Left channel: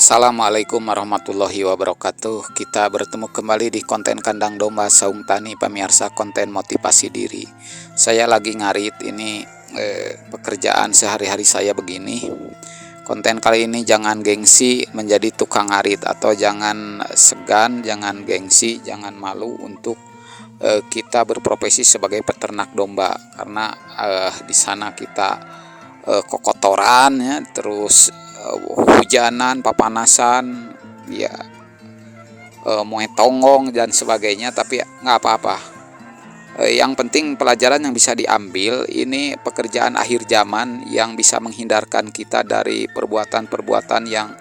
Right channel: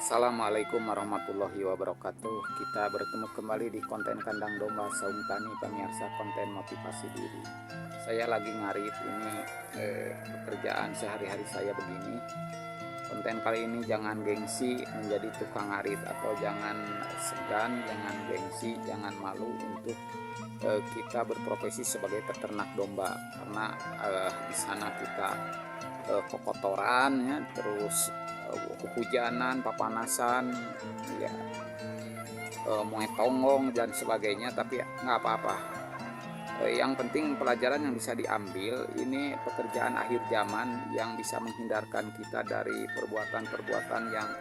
Assalamualaikum warahmatullahi wabarakatuh. Kita bertemu kembali di konten kandang domba Saung Tani, pemirsa konten motivasi diri. Saya lagi ngarit ini pekerjaan sehari-hari saya begini. Konten kali ini jangan gengsi menjadi tukang ngarit, atau jangan segan, jangan gengsi, jangan malu untuk kita berprofesi sebagai peternak domba, karena di sana kita kokotoran ya, terus hujanan, papanasan, ya moe tonggong dan sebagainya, tapi nggak apa-apa. Yang penting pelajaran yang bisa diambil, ini pekerjaan akhir zaman yang bisa menghindarkan kita dari perbuatan-perbuatan yang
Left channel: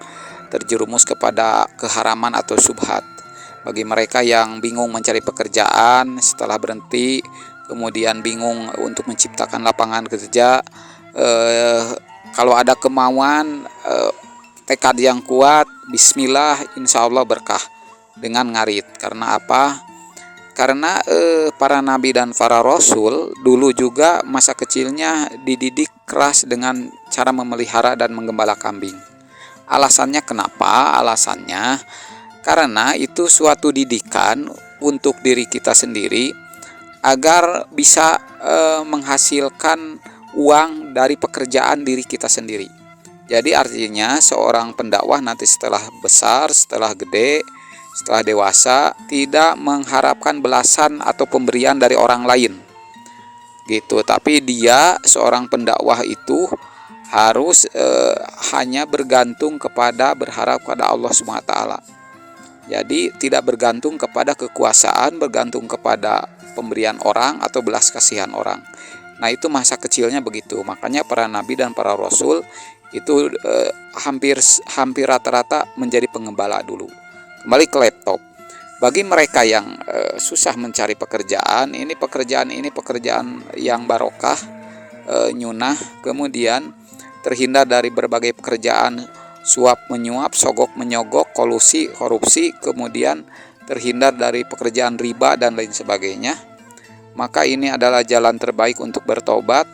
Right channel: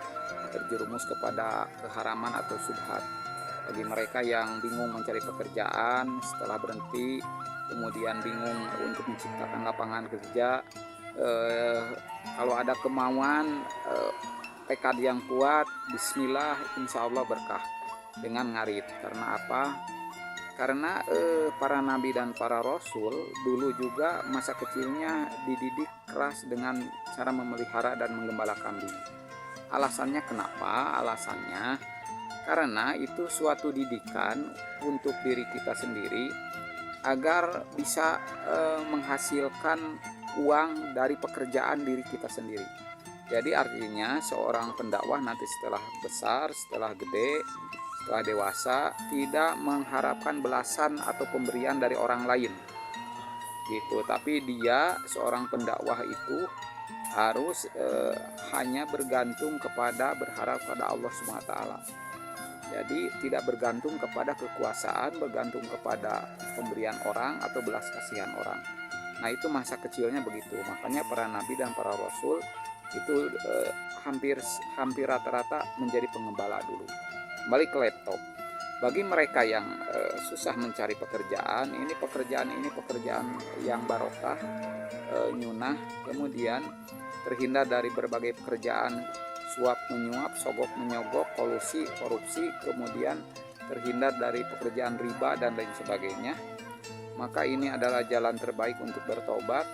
terjerumus kepada keharaman atau subhat. Bagi mereka yang bingung mencari pekerjaan setelah berhenti, kemudian bingung untuk menciptakan lapangan kerja, kalau ada kemauan, tekad yang kuat, bismillah, insya Allah berkah dengan ngarit. Karena apa? Karena para nabi dan para rasul dulu juga masa kecilnya dididik keras dengan cara memelihara dan menggembala kambing. Alasannya kenapa? Alasannya karena itu suatu didikan untuk diri kita sendiri agar bisa menghasilkan uang dari pekerjaan diri kita sendiri. Jadi artinya seorang pendakwah nanti setelah besar, setelah gede, setelah dewasa, tidak mengharapkan belasan atau pemberian dari orang lain gitu. Tapi dia seorang pendakwah itu harus hanya bergantung kepada, berharap kepada Allah SWT. Jadi tidak bergantung kepada kekuasaan, bergantung kepada pemberian orang atau belas kasihan orang. Nah, itu masa kecilnya begitu. Makanya para nabi dan para rasul itu hampir rata-rata menjadi pengembala dulu. Kembali ke laptop. Bagi mereka yang susah mencari pekerjaan, ini pekerjaan yang barokah, nyunah, kemudian terhindar dari berbagai pekerjaan suap menyuap, sogok menyogok, kolusi, korupsi, kemudian terhindar dari pekerjaan riba dan lain sebagainya. Maka ini adalah jalan terbaik untuk bertobat,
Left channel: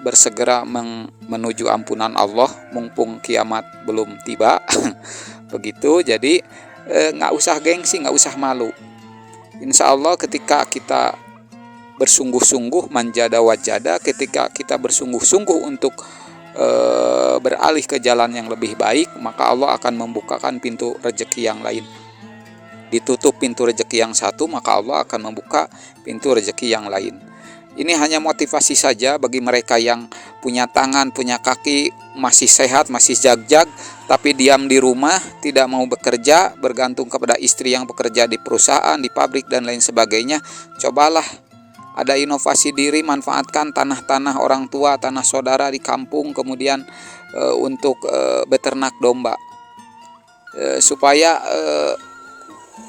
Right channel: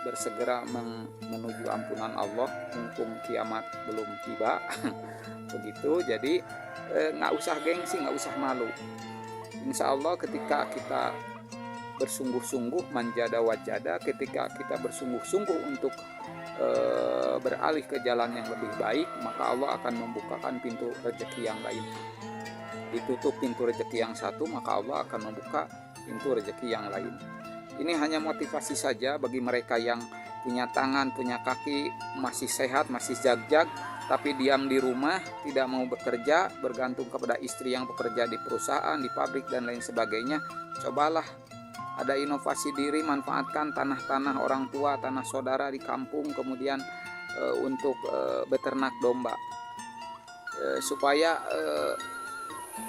bersegera menuju ampunan Allah mumpung kiamat belum tiba. Begitu. Jadi nggak usah gengsi, nggak usah malu. Insya Allah ketika kita bersungguh-sungguh, manjada wajada, ketika kita bersungguh-sungguh untuk beralih ke jalan yang lebih baik, maka Allah akan membukakan pintu rezeki yang lain. Ditutup pintu rezeki yang satu, maka Allah akan membuka pintu rezeki yang lain. Ini hanya motivasi saja bagi mereka yang punya tangan, punya kaki, masih sehat, masih jag-jag, tapi diam di rumah, tidak mau bekerja, bergantung kepada istri yang bekerja di perusahaan, di pabrik, dan lain sebagainya. Cobalah ada inovasi diri, manfaatkan tanah-tanah orang tua, tanah saudara di kampung, kemudian untuk beternak domba, supaya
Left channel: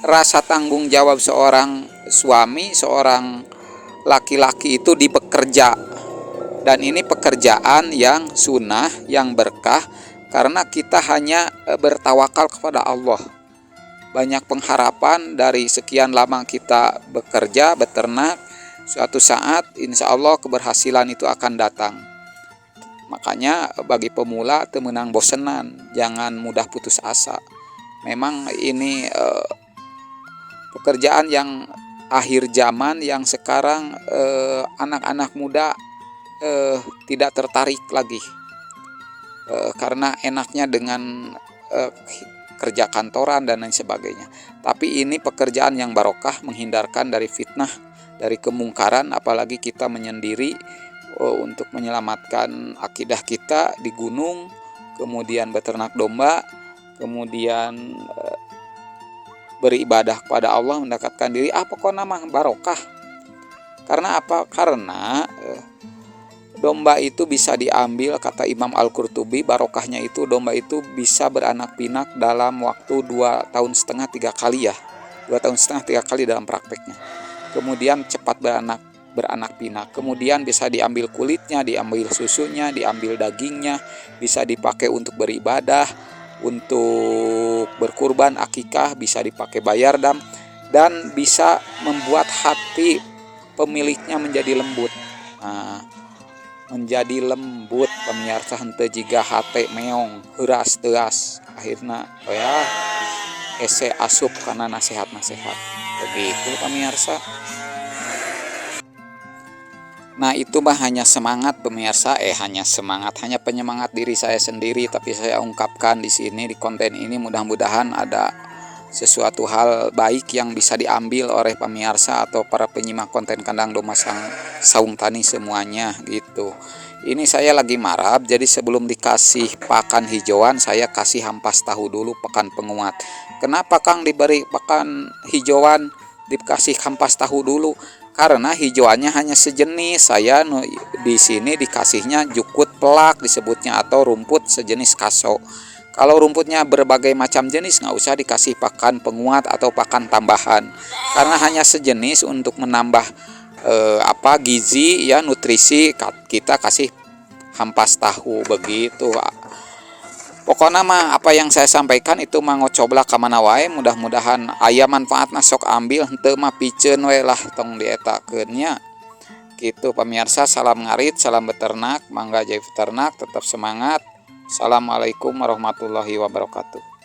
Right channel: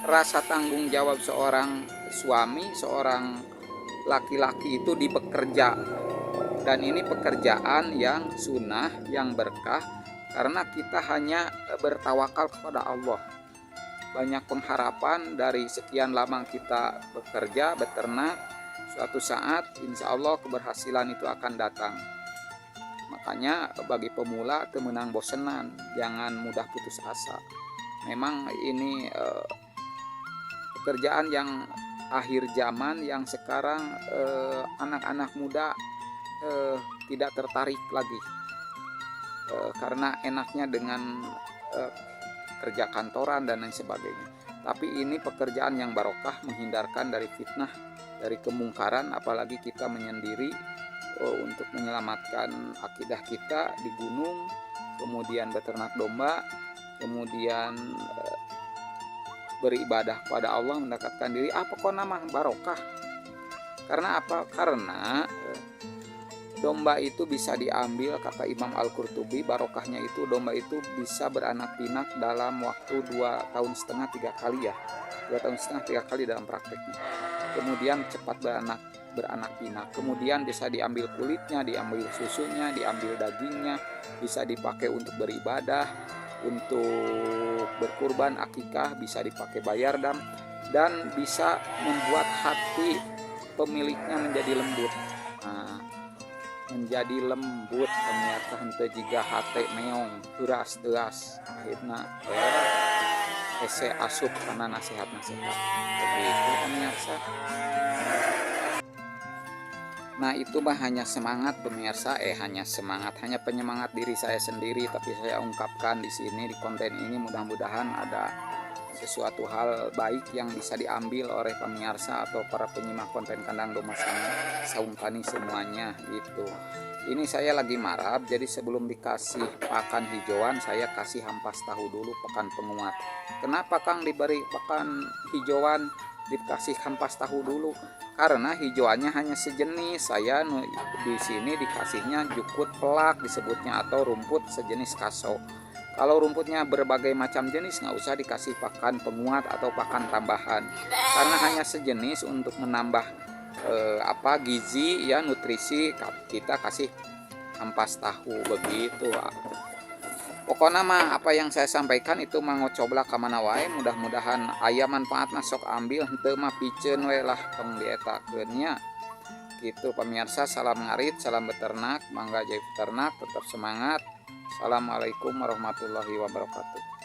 rasa tanggung jawab seorang suami, seorang laki-laki itu di bekerja. Dan ini pekerjaan yang sunnah, yang berkah, karena kita hanya bertawakal kepada Allah. Banyak pengharapan dari sekian lama kita bekerja, beternak. Suatu saat insya Allah keberhasilan itu akan datang. Makanya bagi pemula temenang bosenan, jangan mudah putus asa. Memang ini pekerjaan yang akhir zaman, yang sekarang anak-anak muda tidak tertarik lagi, karena enaknya dengan kerja kantoran dan lain sebagainya. Tapi ini pekerjaan yang barokah, menghindarkan dari fitnah, dari kemungkaran, apalagi kita menyendiri untuk menyelamatkan akidah kita di gunung, kemudian beternak domba, kemudian beribadah kepada Allah, mendekatkan diri. Apa nama barokah? Karena apa? Karena domba itu bisa diambil, kata Imam Al-Qurtubi, barokahnya itu domba itu bisa beranak pinak dalam waktu 2,5 tahun 3 kali ya. 2,5 tahun 3 kali dalam prakteknya. Kemudian cepat beranak pinak. Kemudian bisa diambil kulitnya, diambil susunya, diambil dagingnya, bisa dipakai untuk beribadah, untuk berkurban, akikah, bisa dipakai bayar dam, dan bisa membuat hati pemiliknya menjadi lembut. Nah, menjadi lembut pemirsa, henteu jiga hate meong heuras teas akhirna ya ese asup karena nasihat-nasihat begitu pemirsa. Nah itu mah hanya semangat pemirsa, hanya penyemangat diri saya sendiri, tapi saya ungkapkan di sini di konten ini mudah-mudahan ada sesuatu hal baik yang bisa diambil oleh pemirsa atau para penyimak konten kandang domba saung tani semuanya gitu. Ini saya lagi marab, jadi sebelum dikasih pakan hijauan saya kasih hampas tahu dulu pakan penguat. Kenapa Kang diberi pakan hijauan dikasih hampas tahu dulu? Karena hijauannya hanya sejenis. Saya di sini dikasihnya jukut pelak disebutnya atau rumput sejenis kaso. Kalau rumputnya berbagai macam jenis nggak usah dikasih pakan penguat atau pakan tambahan, karena hanya sejenis untuk menambah gizi ya, nutrisi. Kita kasih hampas tahu begitu. Pokoknya mah apa yang saya sampaikan itu mah ngocoblah ka mana wae, mudah-mudahan aya manfaatna sok ambil, henteu mah piceun we lah tong dietakeun nya. Gitu pemirsa, salam ngarit, salam beternak, mangga jadi peternak, tetap semangat. Assalamualaikum warahmatullahi wabarakatuh.